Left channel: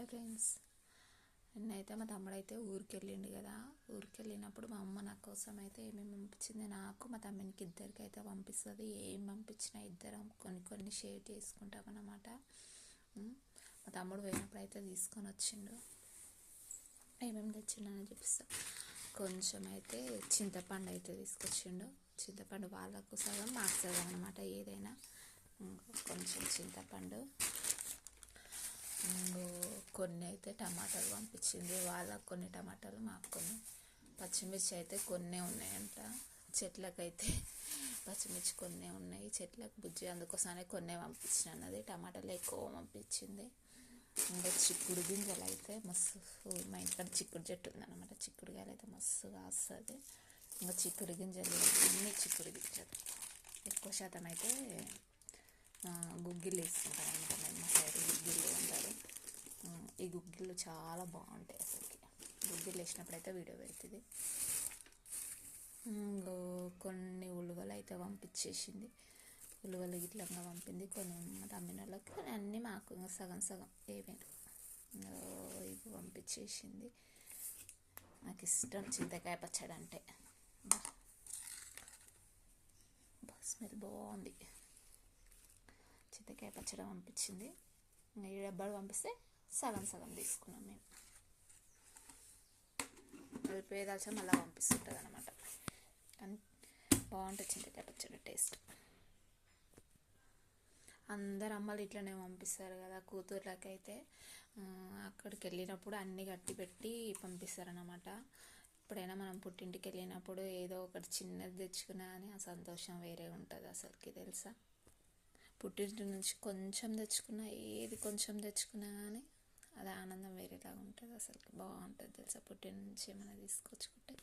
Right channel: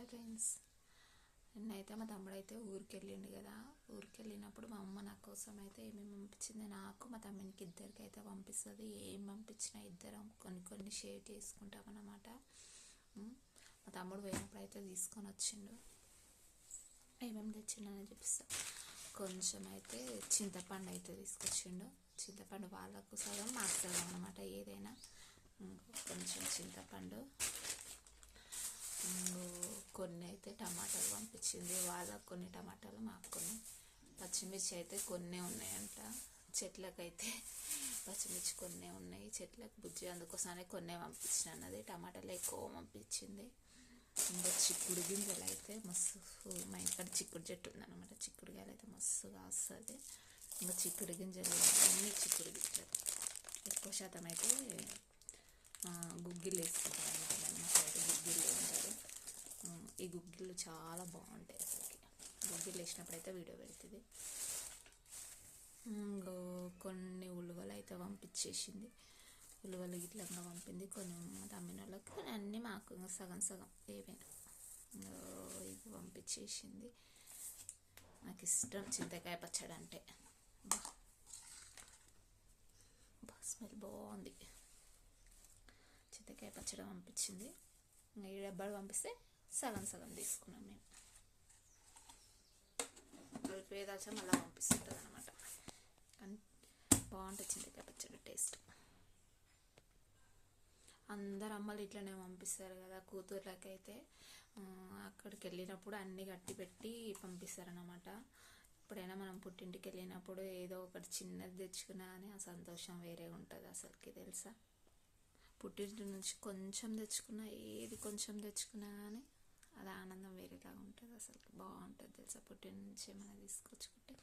Hi friends, నిన్నైతే మా తమ్ముడు అయితే ఊరికి వెళ్ళిండు కదా. ఊరికి వెళ్ళినప్పుడు మా అమ్మ నా కోసం అయితే ఏమేమి పంపించింది, నాకు మా తమ్మునికి ఇద్దరికి అయితే పంపిస్తుంది. ఏం పంపించినా ఇద్దరం కొన్ని కొన్ని షేర్ చేసుకుంటాం అన్నమాట. మా తమ్ముడు పోయినప్పుడు అయితే తీసుకొని వచ్చిండు. ఏమేమి తెచ్చిండని చూపిస్తా. కొంచెం అయితే చింతపండు అయితే తీసుకొచ్చిండు. చింతపండు వాళ్ళకు సగం మాకు సగం అనమాట. ఏదైనా కొంచెం చింతపండు, కొన్ని అయితే టమాటాలు పంపించింది. వాళ్ళకు కొన్ని టమాటాలు, మాకు కొన్ని. పచ్చిమిర్చి అయితే కొన్ని ఉన్నాయంట చెట్లకైతే. పచ్చిమిర్చి కొన్ని ఉన్నాయి చెట్లకు, బుజ్జి అందుకోసమే కొన్ని పంపించిన అన్నది. టమాటాలు ఎక్కువ పంపించింది. ఇంకా చిక్కుడు గింజలు అయితే మస్తు, మా ఇంటికాడ చిక్కుడు చెట్టు ఉందన్నమాట. చిక్కుడుకాయలు అయితే మస్తుగా వస్తుంది. ఇంకా చిక్కుడు గింజలు, అన్ని చిక్కుడు గింజలు ఎక్కువ శాతం అయితే గుగ్గిళ్ళు వేసుకుంటాం అనమాట. మేము మా సైడ్ గుగ్గిళ్ళు ఉంటారు. ఈ గుగ్గిళ్ళు చాలా బాగుంటాయి అసలుకి. గుగ్గిళ్ళు వేసినప్పుడు అయితే వీడియో పెడుతుంది. కొన్ని ఉలువలు అయితే పంపించేసింది. ఉలువలు గిట్లంగా పంపింది. కొన్ని తమ్మిన వాళ్ళకి, కొన్ని అన్నీ మాకు సగం సగం ఏమైనా ఇవి పంపించేసింది. నాకు ఇష్టం చింతకాయ పచ్చడి అంటే. స్మెల్ బాగుంది. చింతకాయ పచ్చడి పంపించింది. ఈ డబ్బాలు పంపిస్తే సగం సగం తీసుకున్నాం మేము. పేదాల్చా మళ్ళీ పంపిస్తుంటుంది అనమాట. కానీ బాగుంటుంది చింతకాయ పచ్చడి టేస్ట్. అందరు అమ్మలు ఇట్లనే పంపిస్తారు కదా కూతుర్లకైతే. అక్కడికి వెళ్ళినప్పుడు అన్నీ కట్టి పెట్టి పంపిస్తారనమాట. ఎప్పుడైనా మనం పుట్టింటికి వెళ్ళినప్పుడు ఏదో ఒకటి చిన్నది తెచ్చుకున్నా అని ఆ సంతోషం వేరే ఉంటుంది అసలుకి, తెలుసా. పుట్టింటి నుంచి కొంచెం తెచ్చుకున్నా, ఏది కొంచెం తెచ్చుకున్నా కానీ అది ఆనందం వేరేలాగా ఉంటుంది అసలు. బాగుంటుంది తెలుసా పుట్టింటి నుంచి ఏమైనా తీసుకొచ్చుకుంటే.